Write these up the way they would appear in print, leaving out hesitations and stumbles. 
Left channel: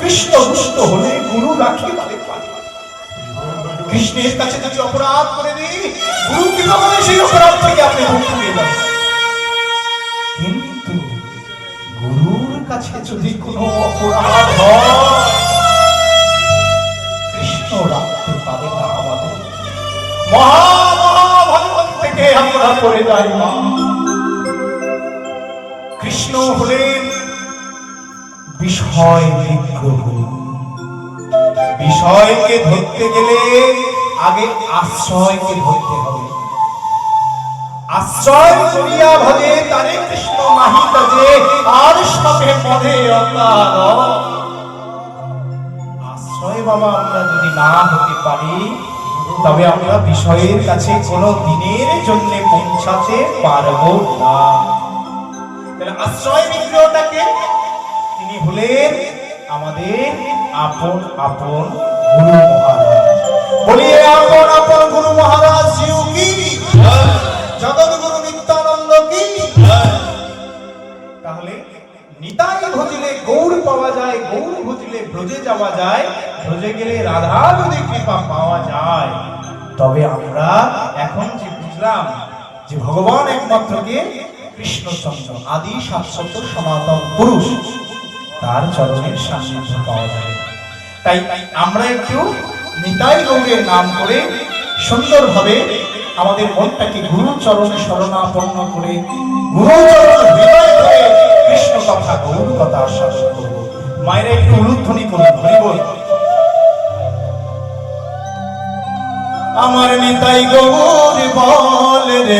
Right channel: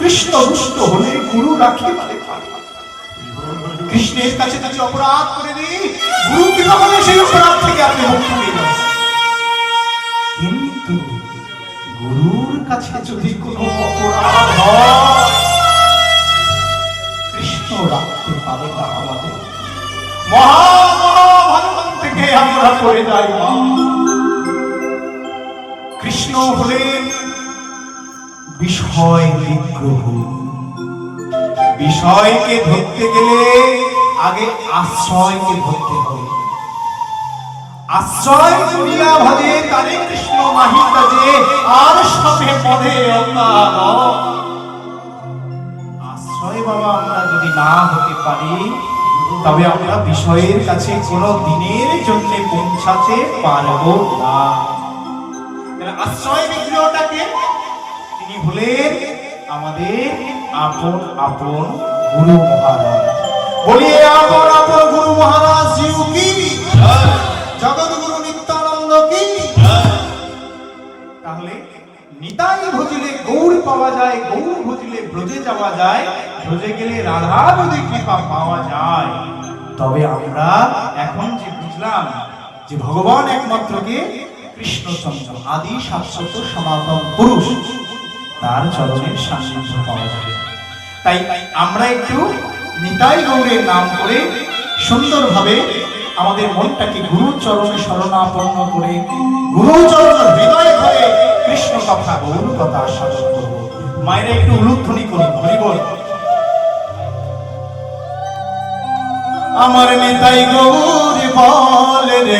কৃষ্ণ দুষ্ট হলে গুরু রাখি বলে কৃষ্ণের কাছে যদি অপরাধ করে দিই, গুরু কিভাবে সেই অপরাধ থেকে আপনি মুক্তি পেয়ে যাবেন। কিন্তু গুরুর কাছে যদি কোনো অপরাধ হয়, কৃষ্ণ রাখতে পারে না আমাদের। মহাভারত থেকে আমরা পড়ে যাই না। কৃষ্ণ হলেন বিষয় নিগ্রহ। বিষয়কে ধরতে গেলে আগে আশ্রয়কে ধরতে হবে। আশ্রয় করিয়া ভজে তারে কৃষ্ণ নাহি তজে, আর সবে পদে অকার। আশ্রয় বাবা আমরা যদি না হতে পারি, তবে আমরা বিষয়ের কাছে কোনো দিনের জন্য পৌঁছাতে পারবো না। আশ্রয় বিগ্রহটাকে তিনি হলেন আমাদের আপন আপন গুরু মহারাজ। বলিয়ে আপন আপন গুরু মহারাজ জিউ কি, জগৎ গুরু নিত্যানন্দ কি। তাহলে নিতাই ভজিলে গৌর পাওয়া যায়, গৌর ভজিলে ব্রজে যাওয়া যায়, ব্রজে গেলে রাধা যদি কৃপা পাওয়া যায়। তবে আমরা এখন যে বুঝলাম যে ভগবান একমাত্রকে কৃষ্ণচন্দ্র আদি শাশ্বত সনাতন পুরুষ, তার চরণের সান্নিধ্য পাওয়া যাবে। তাই আমরা একটু নিতাই গৌরের নাম করে সুন্দরভাবে আমাদের মনটাকে গুরু চরণে শরণাপন্ন করে, গুরু চরণ হৃদয় করে কৃষ্ণ কথা গৌর কথা আস্বাদন করব। মায়েরা একটু উলুধ্বনি করুন, হরি বল। আমার নিতাই গৌর বলে রে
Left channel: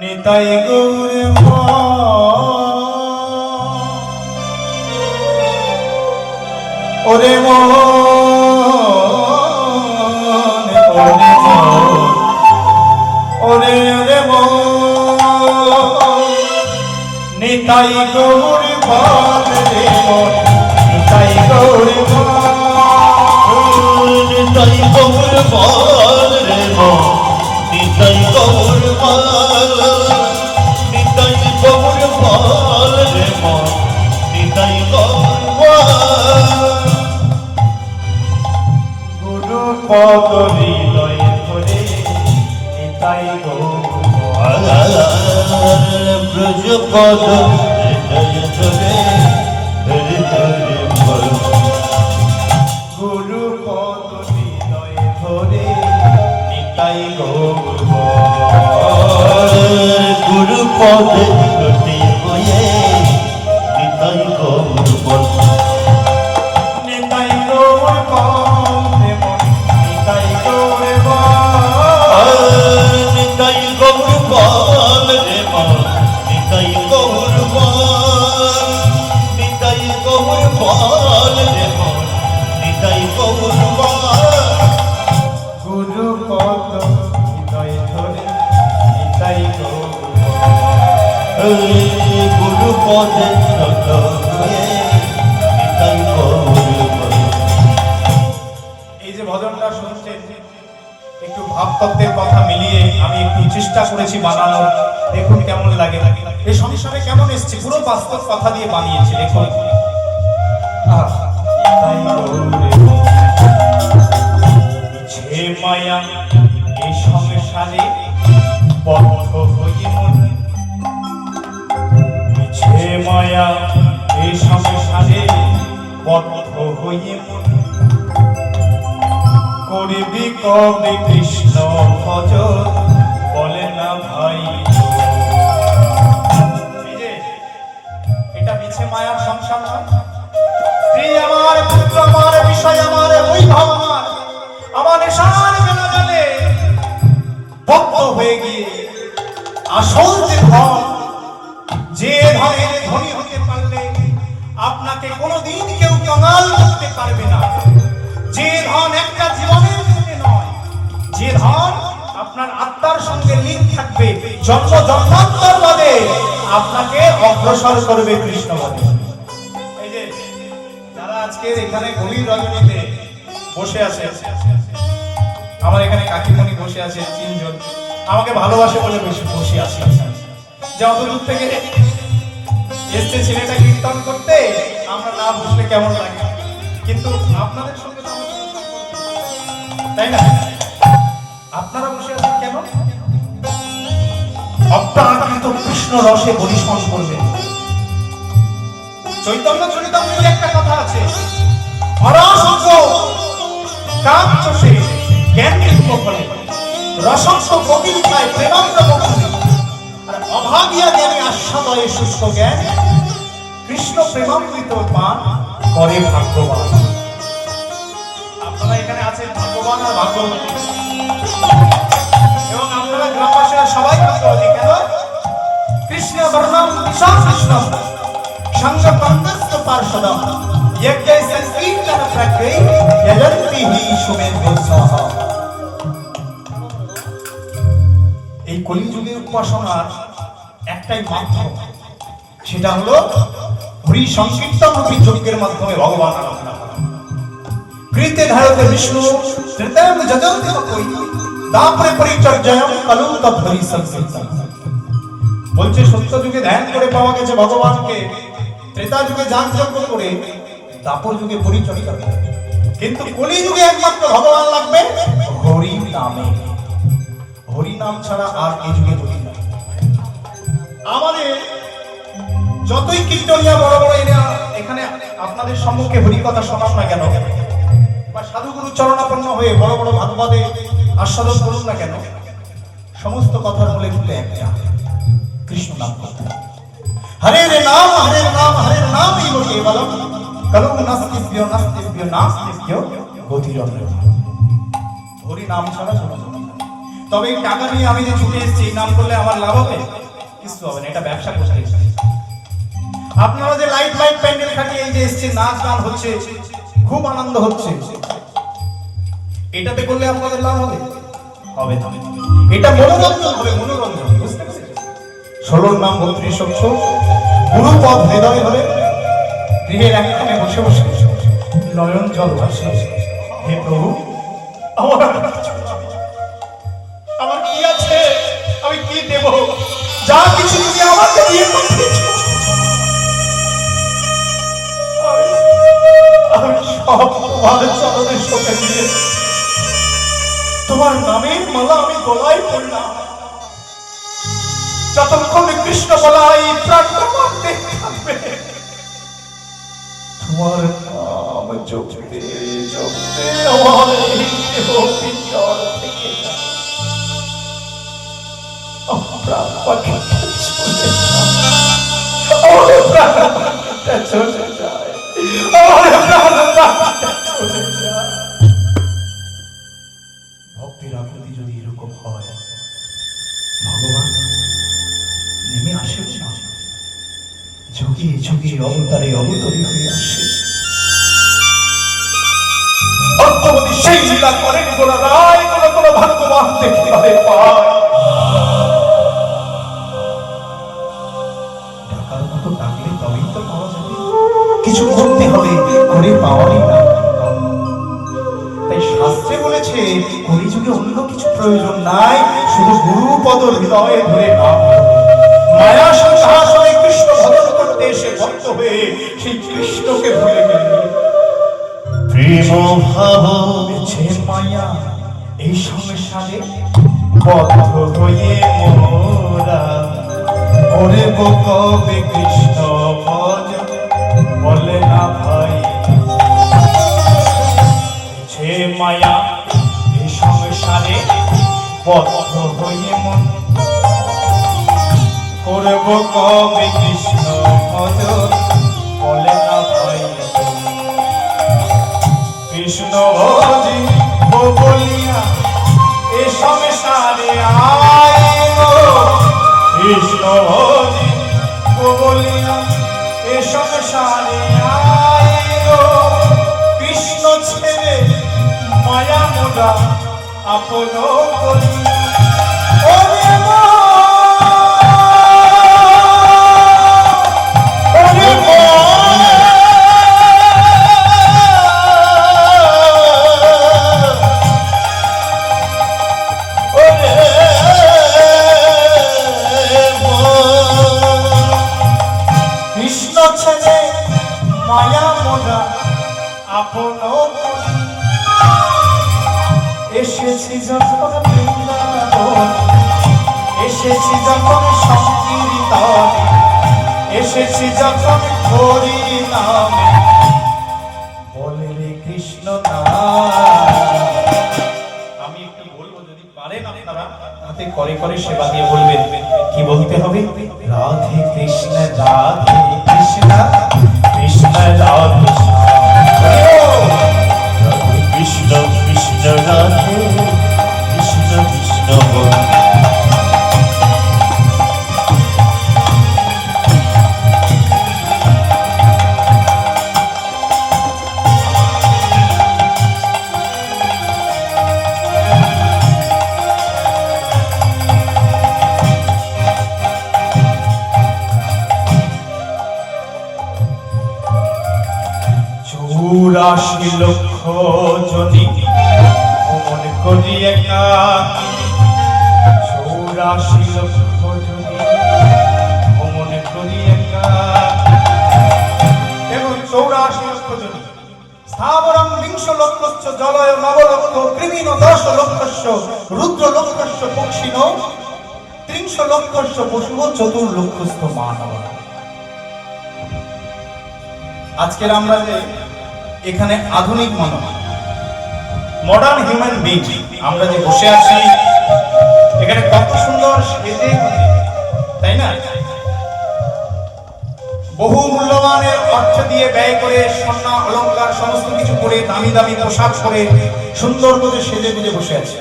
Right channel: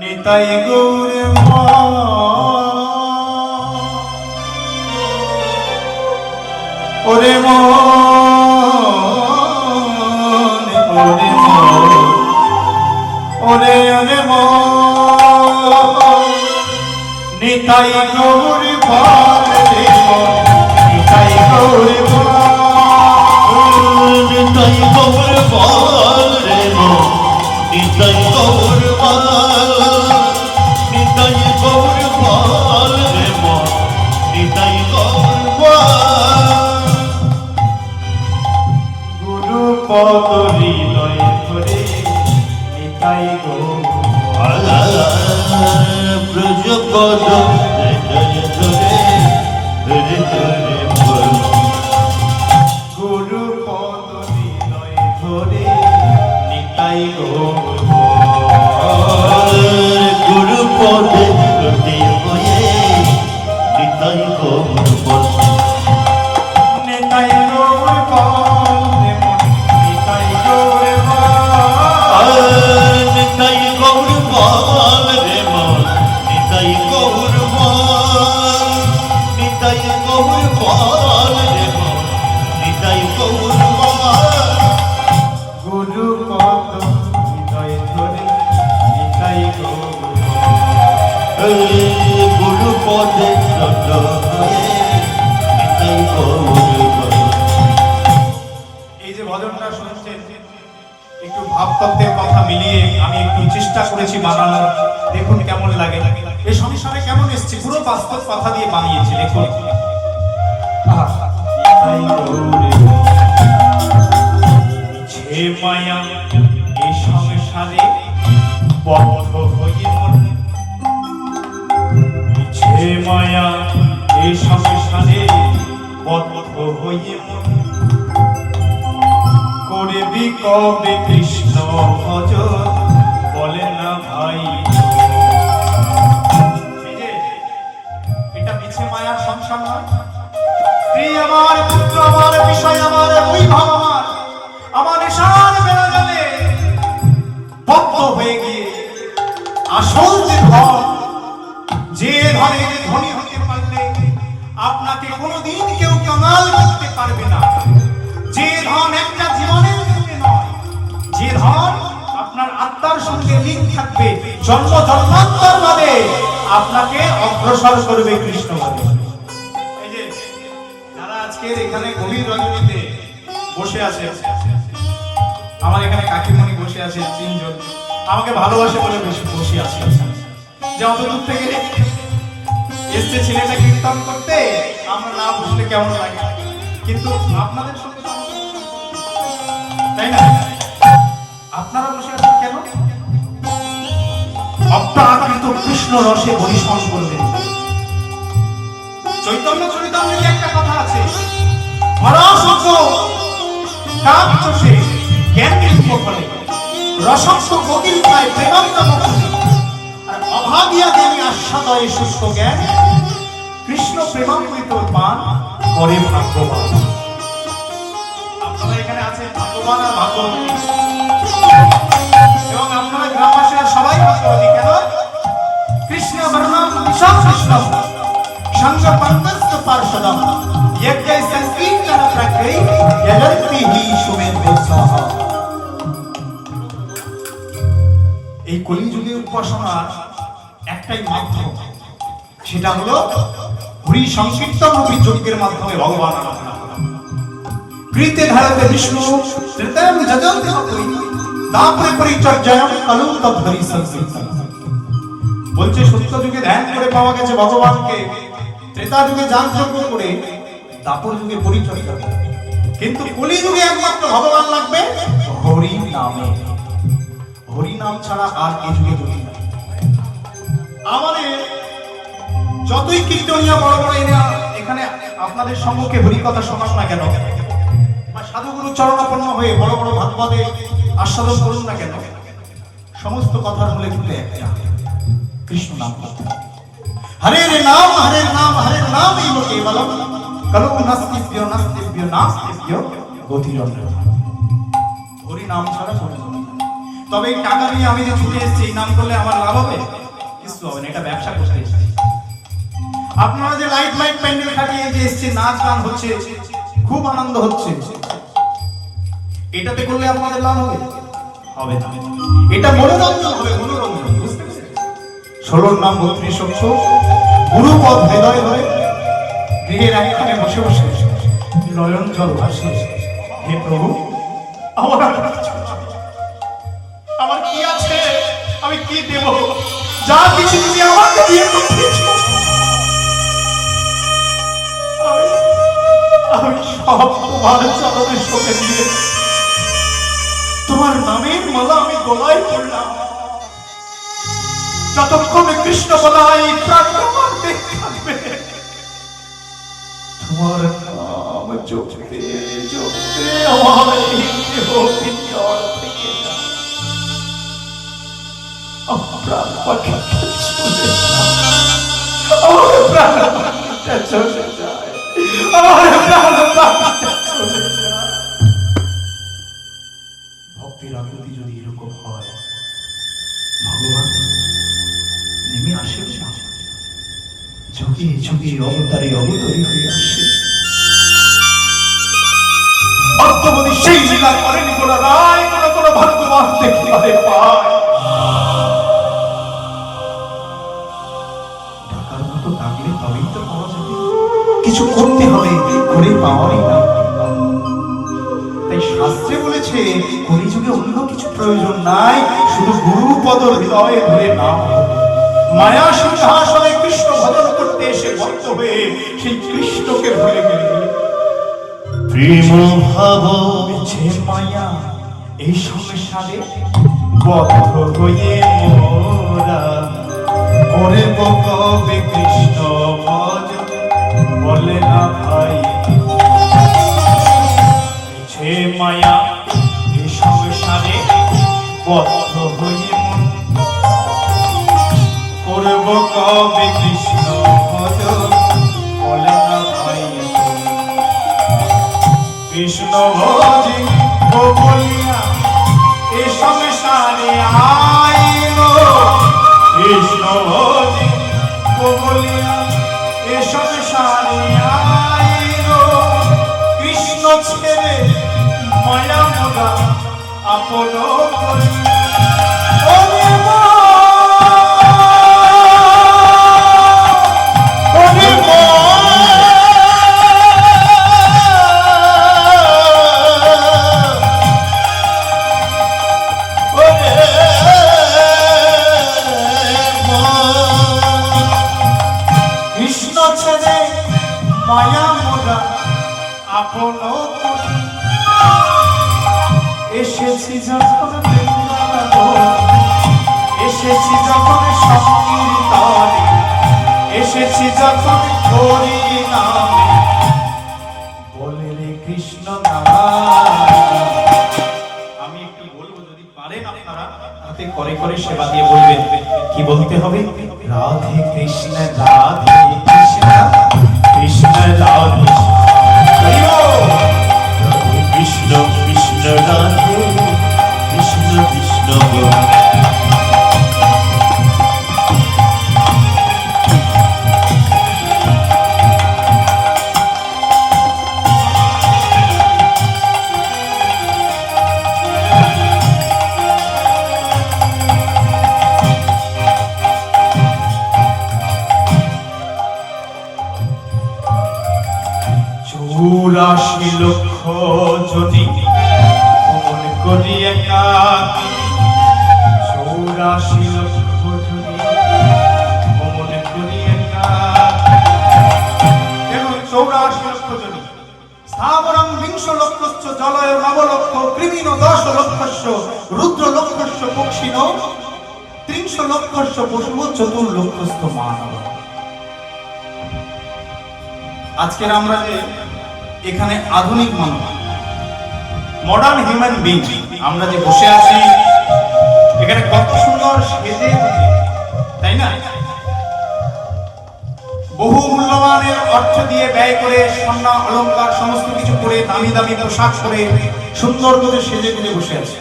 নিতাই গৌর ওরে ওরে ওরে নিতাই গৌর বলে রে নিতাই গৌর নিতাই গৌর বল রে নিতাই গৌর বল, নিতাই গৌর বল রে নিতাই গৌর বল। গুরু পদ হৃদয় ধরে নিতাই গৌর ব্রজ পদ হৃদয় ধরে হৃদয় বল। গুরু পদ হৃদয় ধরে নিতাই গৌর গুরু পদে হয়ে নিতাই গৌর বল। নিতাই গৌর নিতাই গৌর নিতাই গৌর বল রে নিতাই গৌর বল, নিতাই গৌর বল রে নিতাই গৌর বল। গুরু পদ হৃদয় ধরে নিতাই গৌর গুরু পদে নিতাই গৌর বল। এই যে ভজনটা শুনছেন, একটু ভাবতত্ত্বের কথা মিলিয়ে আমি একটু চেষ্টা করেছি বানানোর। দেখুন কেমন লাগে। এই সংসারে কেমন এসছে, পুরো বাস্তব কথা দিয়ে বানিয়েছে। দেখুন মায়া এই সংসারে বদ্ধ হয়ে মন, মায়া এই সংসারে বদ্ধ হয়ে মন, করবি কবে কৃষ্ণ ভজ বলে না ভাই। এটা মিছে মায়ার সংসার না। স্ত্রী আমার, পুত্র আমার, বিষয় আমার, বৈভব আমার নেশার বেলা গেলে বদ্ধ হয়ে গিয়ে আসল যে ধন, যে ধনের ধনী হতে পারলে আপনাকে কোনোদিন কেউ কামাল করতে পারবে না, যে ধন একটা জীবনের জন্য নয়, যে ধন আপনার আত্মার সঙ্গে লিঙ্ক থাকবে, জন্ম জন্মান্তর বাদে আপনাকে অগ্রসর করবে কৃষ্ণ বাদে। এই যে যারা আজকে এখানে গভীর রজনীতে বসে আছে, আমার এখানে কাকিমণি বসে আছে, তিনজন আমাকে ভালোবাসে বলে বসে আছে। যে অত দূর থেকে এসছে ছেলেটা কীর্তন করতে, আমরা না বসলে কেমন লাগে, কিন্তু আপনাদের সঙ্গে তো আমার কোনো সম্পর্ক নেই, তাই না? আপনারা বসে আছেন কেন? অপ্রাকৃত কৃষ্ণ রসে পরিশ্রম করবেন। চৈতন্য চরিতামৃতে একটা কথা আছে, হরসজ্ঞ কাম চষে জ্ঞান কৃষ্ণ ফলে, রসস্য কোকিল খায় প্রেমামৃত মুখে, আর অভাবিয়া জ্ঞানী আস্বাদয়ে শুষ্ক জ্ঞান, কৃষ্ণ প্রেমামৃত পান করে ভাগ্যবান। আপনারা এখানে আছেন ভাগ্যবান আর ভাগ্যবতী, এবং আপনারা গ্রামবাসীরা সবাই ভাগ্যবতী। কেন? কৃষ্ণ বর্ণম বিশাল কৃষ্ণ সঙ্গ পঙ্কজ পার্শ্বদম यज्ञ संकीर्तन प्रकृति यजन्ति हि सुमेधसा। এই কলিযুগের উপাসনার একটাই মাধ্যম, সেটা হলো হরি সংকীর্তন রূপী যজ্ঞের মাধ্যমে ভগবান আরাধনা করা। কৃতে ধারতে বিষ্ণু ত্রিতরম যজন্তি তপৈ দাপরে পরিচর্যা কলু তৎহরি সংকীর্তন। বলছে সত্য যুগে ধ্যান করে পাওয়া গেছে ভগবানকে, ত্রেতা যুগে যাগযজ্ঞ করে, দাপর যুগে পরিচর্যা করে, কিন্তু কলি যুগে একমাত্র ভগবান লাগবে হরি নামে। হরি নাম ছাড়া আর এই যুগে গতি নাই। আমাদের যতই কীর্তনিয়া বড় বড় এখানে আপনাদের সম্মুখে হরি কথা শোনান না কেন, বা সাধুগুরু চরণাপন্ন হয়ে বড় বড় ভাগবতে আস্বাদন করুন না কেন, সমস্ত কথা বলে দিতে একটা কৃষ্ণ নাম করতে। হরের নাম হরের নাম হরের নাম এই কেবলম কলম নাস্তিভ্য নাস্তিভ্য নাস্তিভ্য গতিরন্দ্র। হরি নাম ছাড়া কোনো গতি নেই। তবে এই টাকা নিয়ে আমি যে ছুটে এসেছি, এই নাম করলে আমার লাভ হবে? কিছু হবে না, এটা ব্যবসা করতে এসেছি। আপনারা যে লাইট লাইট প্যান্ডেল খাটিয়ে এই যে এসছে, নাচ গান হচ্ছে, খুব আনন্দ হচ্ছে, এটাতে করলে আমাদের লাভ হবে? হবে না। এটা মনোরঞ্জন হবে, মনোরঞ্জন। বুঝতে পেরেছেন? 16 নাম 32 অক্ষর গুরু পদ হৃদয়ে ধরে গৃহের একখানে বসে বসে নয়ন জল ভাসে, হে প্রভু আমার কি আছে, আমি কি দেব? যা কিছু তুমি আমাকে দিয়ে দিয়েছো, আমি সব তোমার চরণে সঁপে দিয়ে তোমার নামের মালা আমি গলায় পড়লাম। যতক্ষণ কৃষ্ণ বলাই প্রাণটা মারতে থাকবে, তোমার নাম জপতে জপতে আমার এই দেহ পিঞ্জর থেকে প্রাণ পাখিটা চলে যায়, আমার প্রাণ পাখিটা চলে যায়, আমার প্রাণ পাখিটা চলে যায়। ভক্তির আকুতি যদি এরকম হয়, ভগবান নেমে আসে না, ঝুঁকে ঝুঁকে অবতারে অবতরী হয়ে আসে। অর্থবতী সেই লীলা করেন গোলা রায়, কোনো ভাগ্যবান দেখিবারে পায়। ডাকার মতো ডাকলে তবেই তো পাওয়া যাবে, কিছু করতে হবে, করে পাওয়াই না। তাই শাস্ত্রে বলেছে কলিযুগে অন্য কিছু প্রয়োজন নাই, শুধু গুরুপদ হৃদয়ে ধরে নাম। মায়া সংসারে কৃষ্ণ ভজন করতে এসে ভক্ত হয়ে সেই কৃষ্ণকে ভুলে গেল। প্রেম ভাব বেছে মায়া এই সংসারে বদ্ধ হয়ে মোরা, ওরে কবে কৃষ্ণ ভজ বলে না ভাই। বেছে মায়া এই সংসারে বদ্ধ হয়ে মন, করব কবে কৃষ্ণ ভজ বলে না ভাই। কৃষ্ণ ভজি বলিয়া এ সংসারে আইল, কৃষ্ণ ভজি বলিয়া এ সংসারে আইল। কৃষ্ণ ছেড়ে মায়া মোরা আপন করি। ছেড়ে মায়া মোরা আপন করি। এসেছি যখন বৃন্দাবন, এসেছি যখন সংকীর্তন, এসেছি যখন হরি নামে, বলে রে কৃষ্ণ নাম। আমি একটু বলবো, যদি পারেন আপনারা হাতে করে করে সেবা দিয়ে বলবেন। কি বলতে হবে? রাধে কৃষ্ণ রাধে কৃষ্ণ কৃষ্ণ রাধে কৃষ্ণ কৃষ্ণ রাধে কৃষ্ণ কৃষ্ণ বলে। চুরাশি লক্ষ যদি মন করি একা, চুরাশি লক্ষ যদি মন করি একা। দেখুন, 84 লক্ষ যদি স্থাবরং বিংশ লক্ষস্য জলয় নব লক্ষ কৃমিনো 10 লক্ষস্য রুদ্র লক্ষস্য পক্ষিনো 30 লক্ষস্য পশু 4 লক্ষস্য মানব। আজকের আমরা যে এখানে আধুনিক মানব, মডার্ন হিউম্যান বিং, আমরা যে বসে আছি এখানে কত সুন্দর সেজে, তাই না? বহু মূল্যবানের অর্থ দিয়ে ব্যয় করে স্বর্ণ অলংকার সমস্ত কিছু পরে দামি দামি পোশাক পরে সুন্দর করে সেজে গুজে বসে আছে।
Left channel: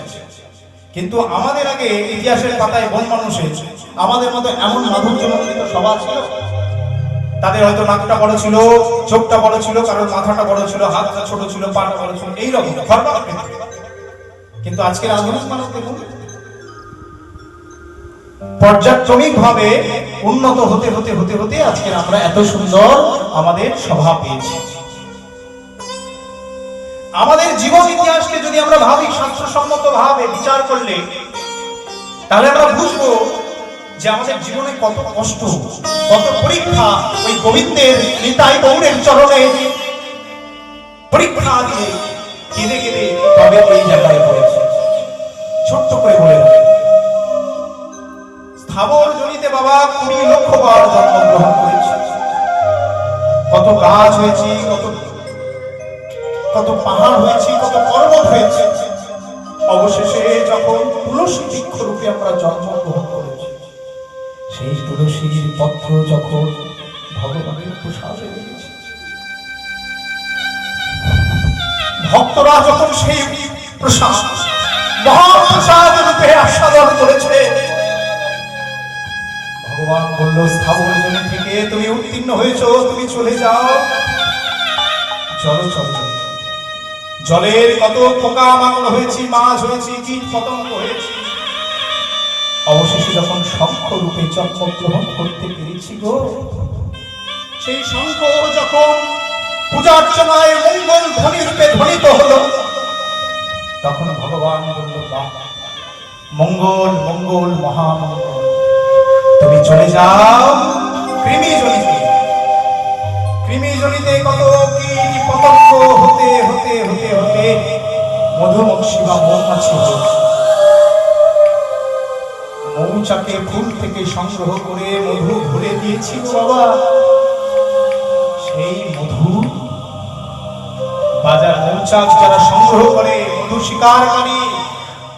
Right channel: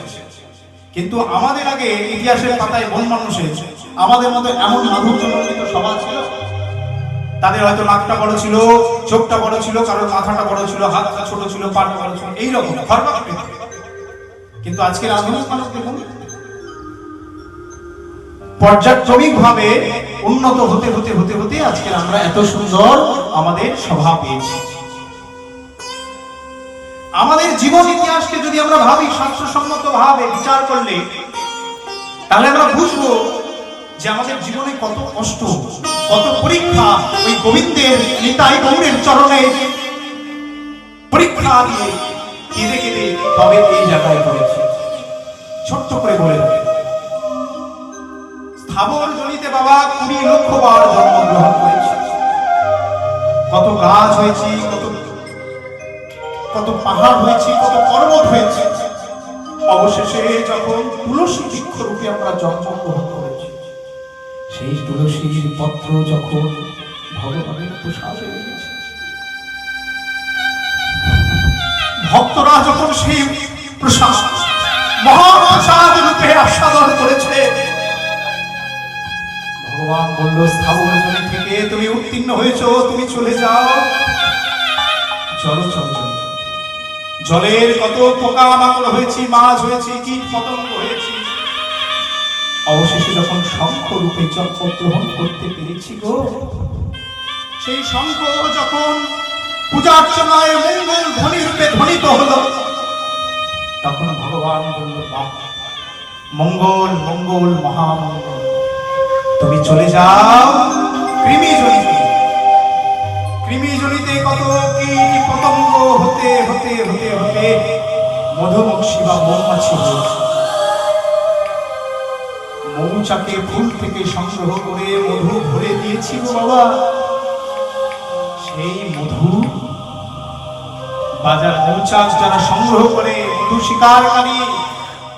কিন্তু আমাদের আগে ইতিহাসের পাতায় বন মানুষের আমাদের মতো এমন মাধুর্যমণ্ডিত সভা ছিল। তাদের হয়তো নাকটা বড় ছিল, চোখটা বড় ছিল, কারোর মাথাটা বড় ছিল, হাতটা ছোট ছিল, পাটা বড় ছিল, এইরকম। কিন্তু আজকের আধুনিক মানুষ দেখুন, পর্যায়ক্রমিক ভাবে উন্নত হতে হতে হতে হতে আজকে আমরা এত সুন্দর আমাদের সভা পেয়েছি। আমাদের জীবন ইতিহাসকে যদি আমরা ভাবি শাস্ত্রসম্মত ভাবে বিচার করলে, তাহলে আমরা বুঝবো যে আমাদের জীবনে কত কষ্ট, কত পরীক্ষা ওই গোবিন্দের নিতাই গৌরের চরণে পরীক্ষা দিয়ে কেঁদে কেঁদে তবে এই জায়গায় পড়েছে। ছোট্ট করে বলে দেয়, স্থাবর জনিতে বাবা 20 লক্ষ বার জন্মগ্রহণ করেছে। কত গাছ হয়েছে, কত পাহাড় হয়েছে, কত পর্বত হয়েছে। অবশেষে যখন তুলসী বৃক্ষ রূপে আমরা জন্মগ্রহণ করেছি, সেই তুলসীর পত্র যখন ভগবানের প্রসাদে লেগেছে, ভক্তরা যখন সেই প্রসাদ মহাপ্রসাদ রূপে আস্বাদন করেছে, ভগবান বলল, স্থাবর জমি থেকে তুমি উত্তীর্ণ হয়েছো, তুমি চলে যাও। চলো চলো চলো। জলের কত পোকা মাকড় হয়েছি, মাছ হয়েছি, কীট পতঙ্গ হয়েছি, অবশেষে যখন শঙ্খ রূপে জন্মগ্রহণ করতে পেরেছি গো, সেই শঙ্খ যখন পূজার্চনায় মঙ্গল ধ্বনি রূপে ধ্বনিত হলো, তখন ভগবান বলল, বাহ, মঙ্গল মঙ্গল মহামঙ্গল, তুমি চলে যাও কৃমি জনিতে। কৃমি জনিতে কত কীট পতঙ্গ হতে হতে হতে হতে মধুমক্ষী বা মৌমাছি হয়েছে। মৌচাকে ফুল থেকে সংগ্রহ করে মধু ভরে দিয়েছিল বাবা। সেই মধু বাজার মৌচাক যারা সংগ্রহ করে, মধু শিকারকারী,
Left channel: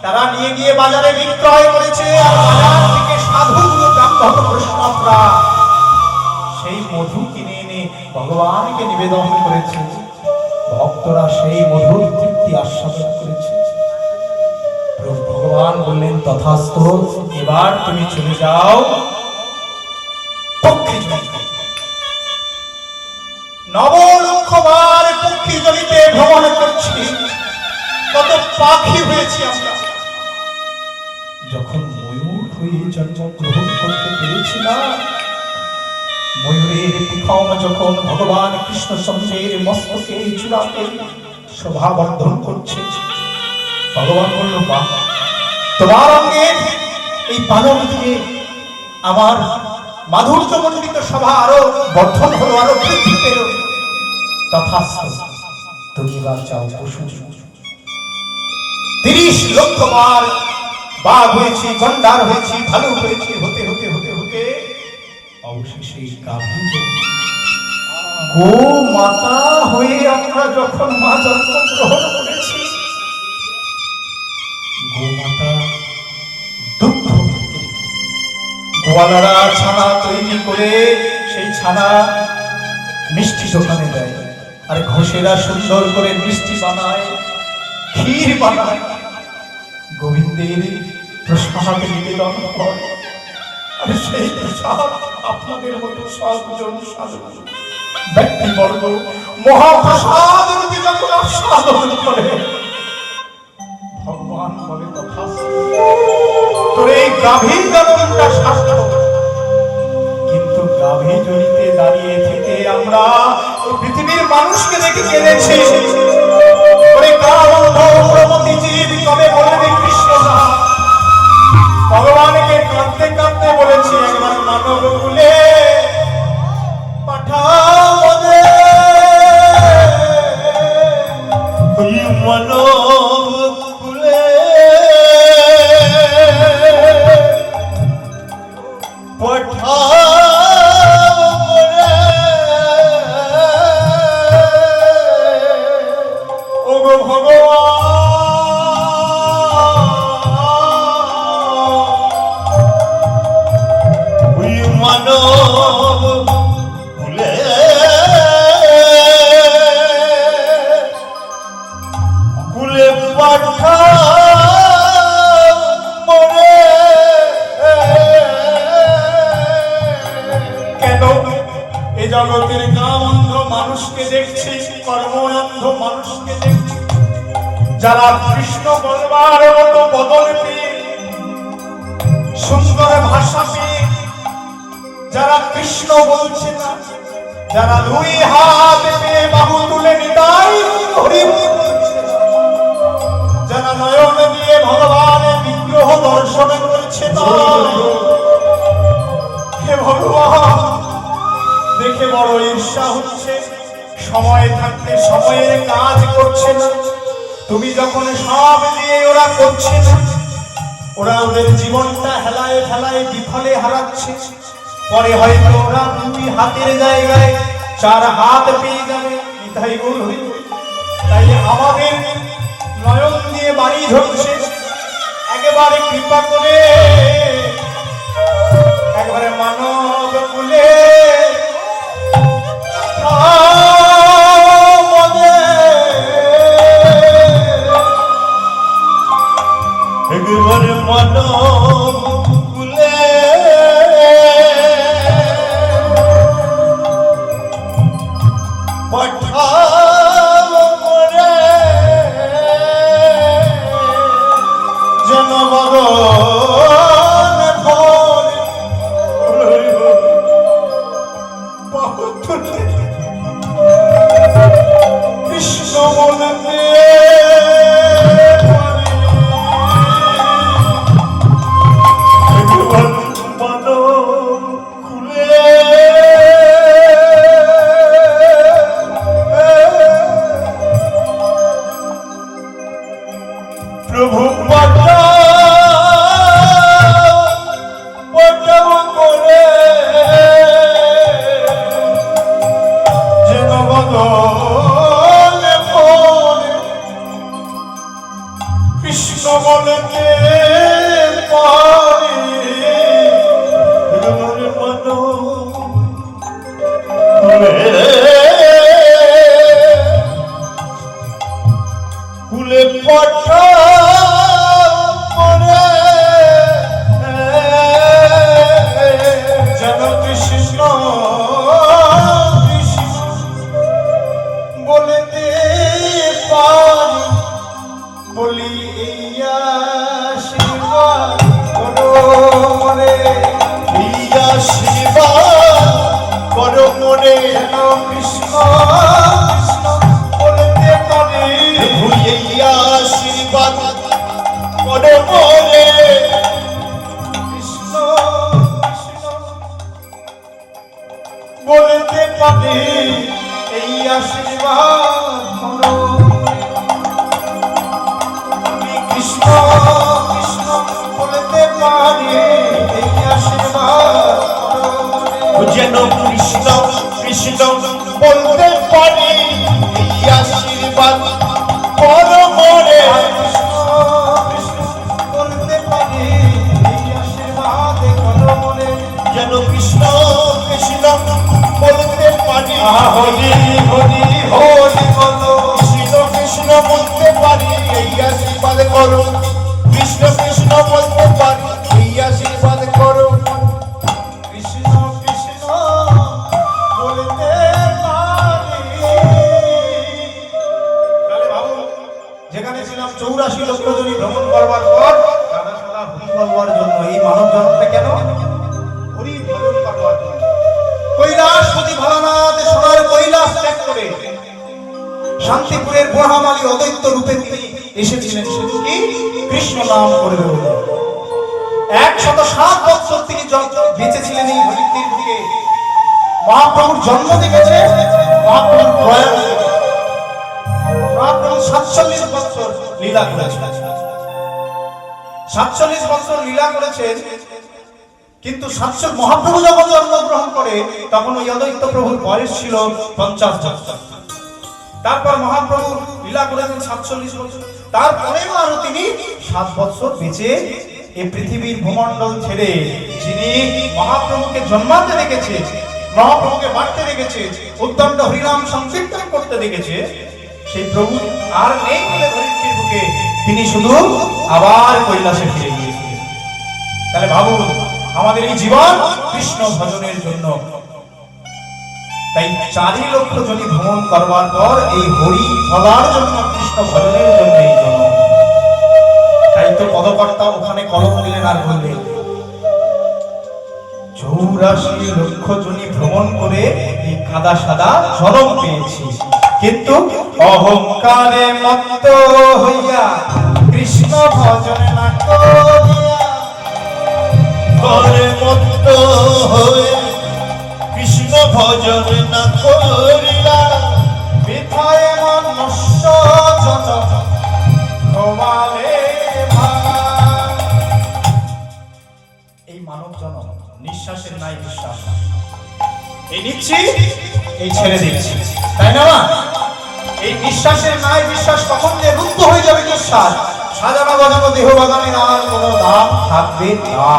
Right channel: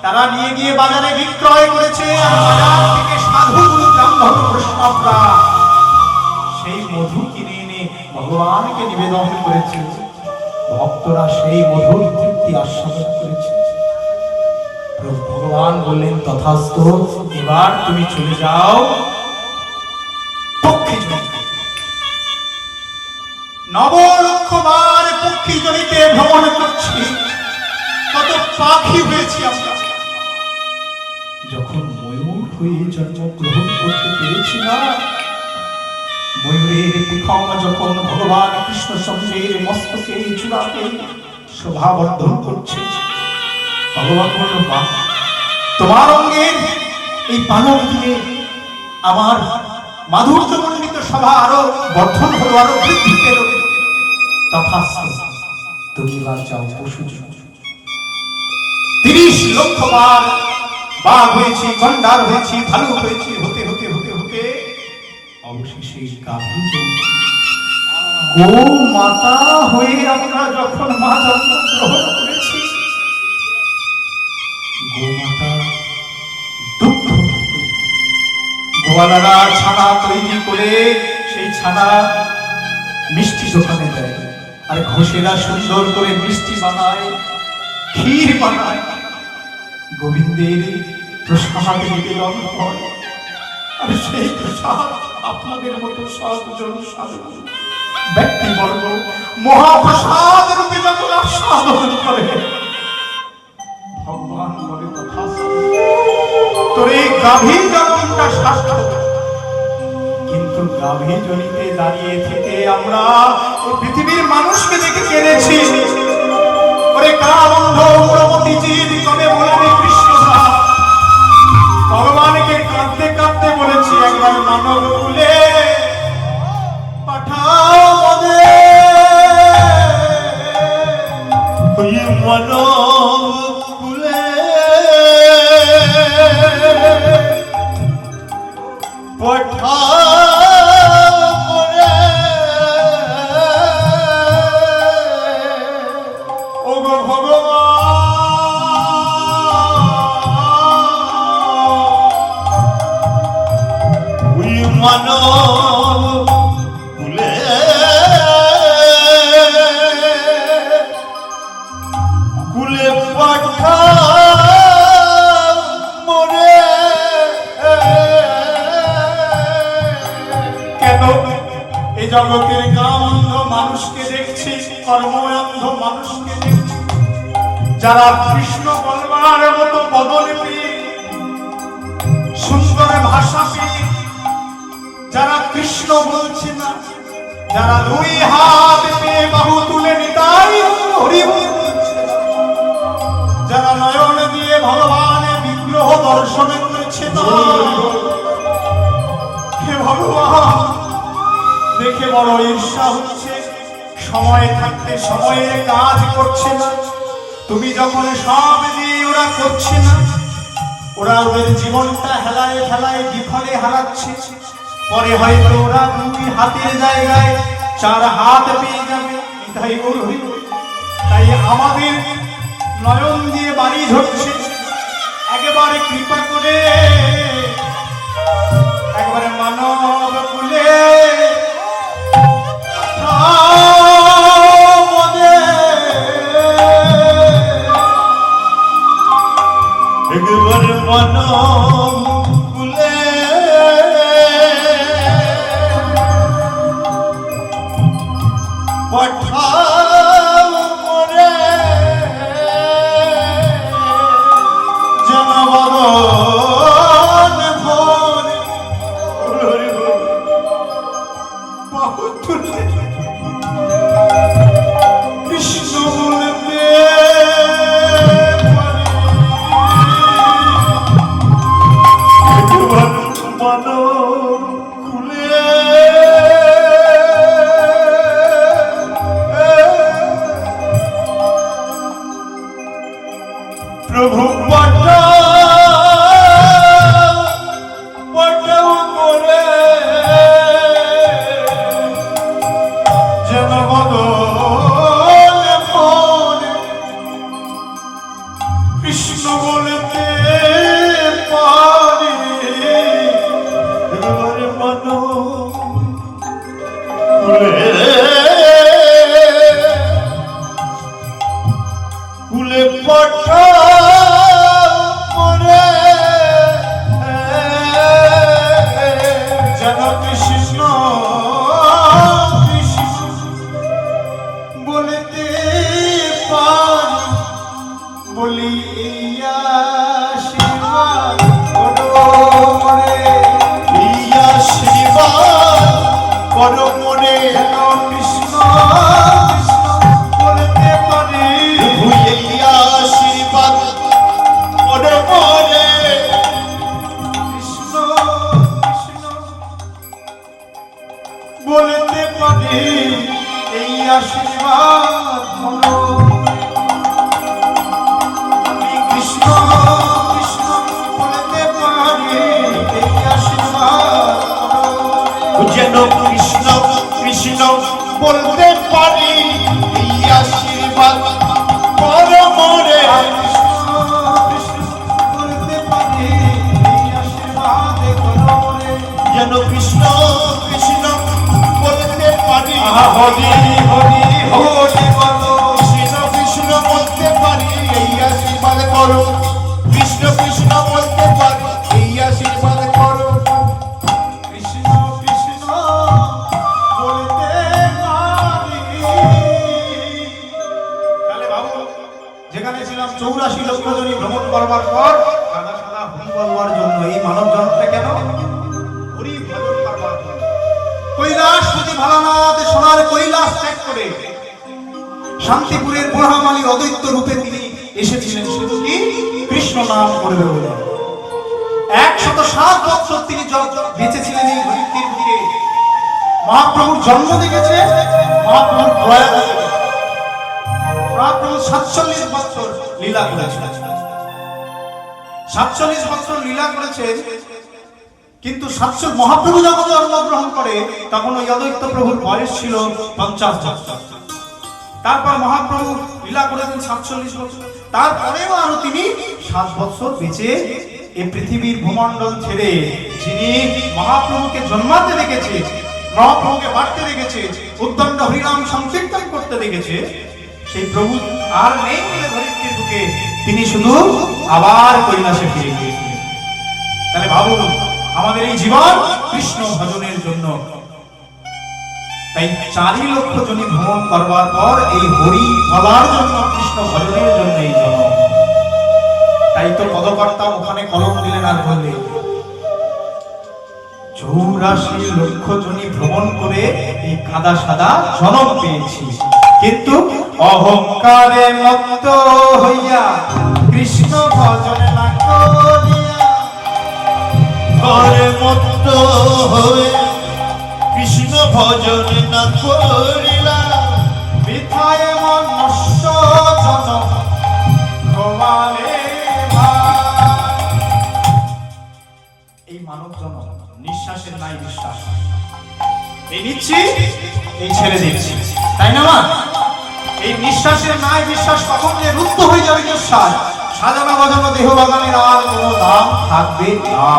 তারা নিয়ে গিয়ে বাজারে বিক্রয় করেছে। আর বাজার থেকে সাধু ব্রাহ্মণ বৈষ্ণবরা সেই মধু কিনে এনে ভগবানকে নিবেদন করেছে। ভক্তরা সেই মধুর তৃপ্তি আস্বাদন করেছে। ভগবান বললেন, তথাস্তু, এবার তুমি চলে যাও পক্ষী জনিতে। 9 লক্ষ বার পক্ষী জনিতে ভ্রমণ করছি, কত পাখি হয়েছি আমরা। যখন ময়ূর হয়ে জন্মগ্রহণ করতে পেরেছি না, ময়ূরের পিখম যখন ভগবান কৃষ্ণচন্দ্রের মস্তকে চূড়াতে শোভাবর্ধন করছে, ভগবান বলল, বাহ, তোমার অঙ্গের এই পালক দিয়ে আমার মাধুর্যমণ্ডিত সভা আরো বর্ধন হলো, আরো বৃদ্ধি পেল। তথাস্তু, তুমি বার চাও সুযোগ। 30 লক্ষ বার বাঘ হয়েছি, গন্ডার হয়েছি, ভালু হয়েছি, হতে হতে হতে হতে অবশেষে গাভী জন্মেছি। গো মাতা হয়ে আমরা যখন মা জন্ম গ্রহণ করেছি, গো মাতা দুগ্ধ থেকে গোয়ালারা ছানা তৈরি করে সেই ছানা মিষ্টি দোকানে দেয়, আর ঘোষেরা সুন্দর করে মিষ্টি বানায়, ক্ষীর বানায়, গোবিন্দের প্রসাদ নিবেদন হয়। আর সেই প্রসাদ আপনাদের মতো সজ্জন সাধু ব্যক্তিবর্গ মহাপ্রসাদ রূপে যখন আস্বাদন করে, ভগবান বলে তথাস্তু, তোর এই গাভীর জননটা সার্থক। কিন্তু গাভী জনিতে দাঁড়িয়ে থেকে আমরা এই পৃথিবীর মানুষকে দেখে জেনেছি, ওরে কারাবন্ধ প্রমতি জীব কবে বলবে কৃষ্ণ না। ভগবানকে কাঁদতে কাঁদতে বলেছি, একবার মানব কুলে পাঠাও ওই মানব কুলে ও গো ভগবান, ওই মানব কুলে কুলে পাঠাও মরে। কেন এই জগতের কামন্ধ মানুষকে দেখছি, কর্মন্ধ মানুষকে দেখছি, যারা কৃষ্ণ বলবার মতো বদল পেয়ে, সুন্দর ভাষা পেয়ে, যারা কৃষ্ণ বলছে না, যারা 2 হাত পেয়ে বাহু তুলে নিতাই হরি বল বলছে না, যারা নয়ন দিয়ে ভগবানের বিগ্রহ দর্শন করছে না, হে ভগবান দেখে বড় ঈর্ষা হচ্ছে। সময় থাকতে সময়ের কাজ করছে না, তুমি যখন সব দিয়ে ওরা করছে না, ওরা ওদের জীবনটা হেলায় ফেলায় বিফলে হারাচ্ছে। পরে হয়তো ওরা 2 হাতের জায়গায় 4 হাত পেয়ে যাবে। তাই তাই আমাদের নয়ন দিয়ে বাড়ি ধরছে, একেবারে কৃপা করে একবারে মানব কুলে একবার মানব কুলে পাঠাও মরে। যেন ভগবান ভরে কৃষ্ণ বলতে একবার মানব কুলে প্রভু পাঠাও করে। যেন ভগবান ভরে কৃষ্ণ বলতে পারে। একবার মানব কুলে কুলে পাঠাও মরে। যেন কৃষ্ণ কৃষ্ণ বলতে পারি, বলি এইয়া শিবা মরে। ইয়া আশীর্বাদ করো মরে। যেন কৃষ্ণ কৃষ্ণ বলতে পারি, ইয়া আশীর্বাদ করো মরে। কৃষ্ণ কৃষ্ণ পারি এই আশীর্বাদ ধরো। আমি কৃষ্ণ কৃষ্ণ বলতে পারি এই আশীর্বাদ ধরো। যেন কৃষ্ণ কৃষ্ণ বলতে পারি এই আশীর্বাদ করো মোরে। কৃষ্ণ কৃষ্ণ বলতে পারি এই আশীর্বাদ করো রে। যেন কৃষ্ণ কৃষ্ণ বলতে পারি হরি হরি হরি বলো। কৃষ্ণ কৃষ্ণ বলতে পারি এই আশীর্বাদ করো। কৃষ্ণ কৃষ্ণ বলতে পারি এই আশীর্বাদ করো। কৃষ্ণ কৃষ্ণ বলতে পারি। তাহলে ভাবো, যেখানে ছিলাম 84 লক্ষ জনই ভ্রমণ করবার পর সাদা সাদা হরি বলবার জন্য এই মানব জন্মটা কেন? হরি ভজন করবার জন্য। কৈলাসপতি ভোলানাথ সোনার কৈলাস ত্যাগ করে শান্তিপুরের মহামালী অদ্বৈত রূপে তিনি এসেছিলেন শুধু কি কৃষ্ণ নাম করে বলে। 107 বছর তিনি বেঁচে ছিলেন এই ধরিত্রীর দিকে। মহাপ্রভুর জন্ম দেখেছে, মহাপ্রভুর প্রয়াণ দেখেছে। মহাপ্রভু 47 বছর লীলা করেছেন। 47 বছর লীলা করেছেন, কিন্তু 47 মহাপ্রভু যখন জন্মগ্রহণ করে তখন ওই অদ্বৈত প্রভুর বয়স ছিল 50 বছর। তারপর মহাপ্রভু লীলা করেছেন 47 বছর। তারপরেও আরো তিনি 7 বছর বেঁচে এই পৃথিবীর ভূমণ্ডল ছেড়ে, যিনি মহাপ্রভুকে জন্মাতে দেখেছে, মহাপ্রভুকে বাড়তে দেখেছে, উদ্দণ্ড হরিনাম সংকীর্তন করতে দেখেছে, সেই প্রভু আর নেই বলে ধরিত্রীর বুকে তিনি শুধু আবার কৈলাসে ফিরে গিয়েছিলেন। তাহলে ভাবুন, আমাদের এই জীবন কৃষ্ণ ভজনের জন্য। তাই 4 লক্ষ জনই ভ্রমণ করবার পর এই হরি বলার জন্য, কৃষ্ণ ভজনের জন্য এই জন্ম। তাই তো পদকর্তা ওখানে কলম দিলেন আর বললেন 84 লক্ষ জনই ভ্রমণ করে এই কাদা সাদা জনম পেয়েছি, কিন্তু অহংকারে মত্ত হইয়া কৃষ্ণ ভজন না করিয়া। করে মুক্ত হয়ে কৃষ্ণ ভজন না করিলা। বৃথায় মন নষ্ট জনম ঘুমালে ভার। এই মানব জনম নিঃশ্বাসের নাই বিশ্বাস, এই নিচ্ছি এই ছেড়ে দিচ্ছি, তাই না? এই নিঃশ্বাসের নাই বিশ্বাস কখন যে রুদ্ধ হয়ে যাবে নিঃশ্বাস, সাজানো বাজানো দেহ বাগানের আর কোনো দাম থাকবে না।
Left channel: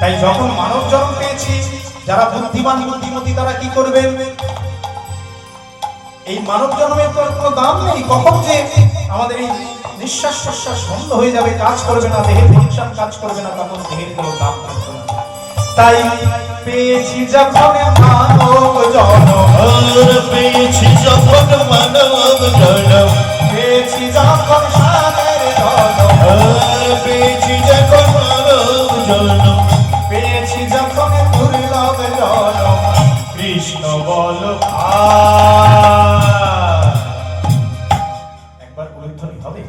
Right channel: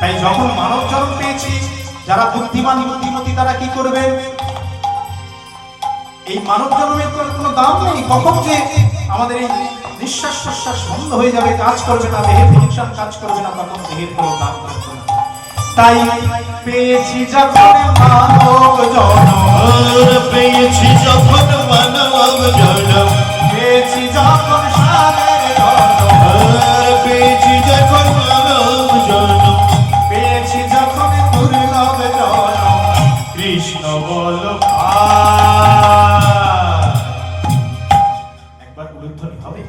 তাই যখন মানব জন্ম পেয়েছি, যারা বুদ্ধিমান বুদ্ধিমতী তারা কি করবেন? এই মানব জন্মের কোনো দাম নেই। কখন যে আমাদের এই নিঃশ্বাস প্রশ্বাস বন্ধ হয়ে যাবে, কাজ করবে না, দেহের ফাংশন কাজ করবে না, তখন দেহের কোনো দাম থাকবে না। তাই পেয়েছি যখন মানব জন্ম, পেয়েছি যখন মানব জন্ম, পেয়েছি যখন সাগর জন্ম, পেয়েছি যখন মানব জন্ম, পেয়েছি যখন দুর্লভ জন্ম, কৃষ্ণ বল একবার উল্লেখনি হবে।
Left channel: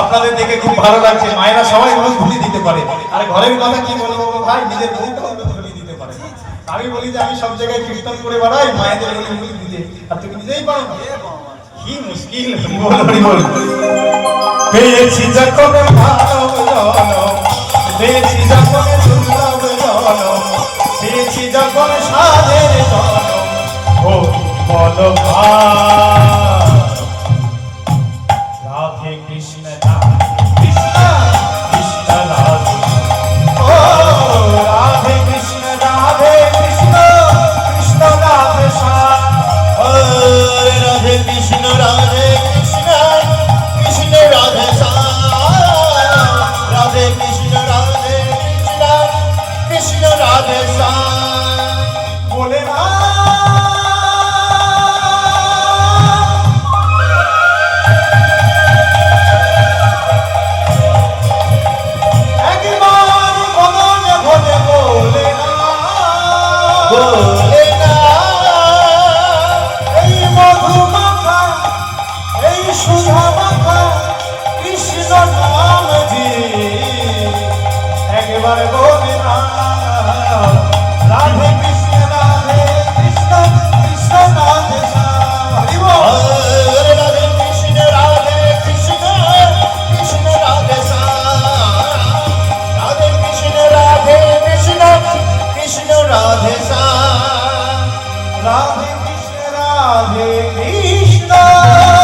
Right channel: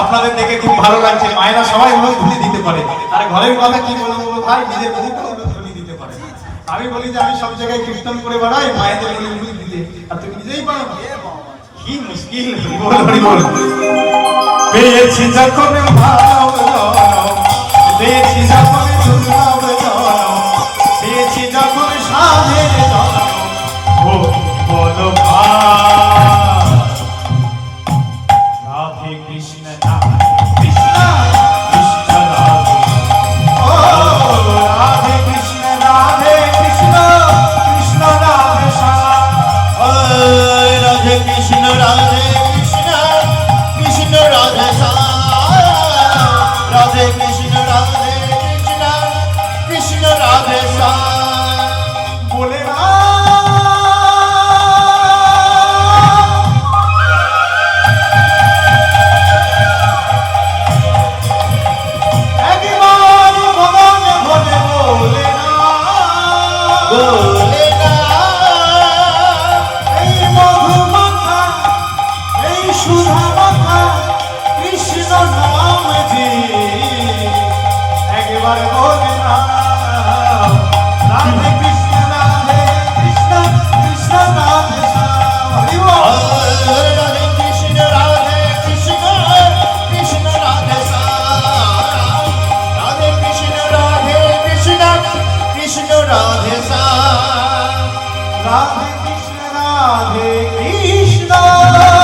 আপনাদের দেখে খুব ভালো লাগছে, মায়েরা সবাই উলুধ্বনি দিতে পারে। আর ঘরের কথা কি বলবো ভাই, নিজের বুকে উলুধ্বনি দিতে পারে। আমি বলি যে আমি সব জায়গায় কীর্তন করে বেড়াই, মায়েদের উলুধ্বনি দিতে, আর তুমি নিজেই পারো না। কি মুশকিল। বল পেয়েছি যখন ভালো জনম, পেয়েছি যখন দুর্লভ জনম, পেয়েছি যখন সাধের জনম, ও বল রাধে কৃষ্ণ কৃষ্ণ কৃষ্ণ রাধে, ও রাধে কৃষ্ণ কৃষ্ণ রাধে শ্যাম। রাধে কৃষ্ণ রাধে কৃষ্ণ কৃষ্ণ রাধে শ্যাম, রাধে কৃষ্ণ রাধে কৃষ্ণ কৃষ্ণ রাধে শ্যাম। বলে না রাধে কৃষ্ণ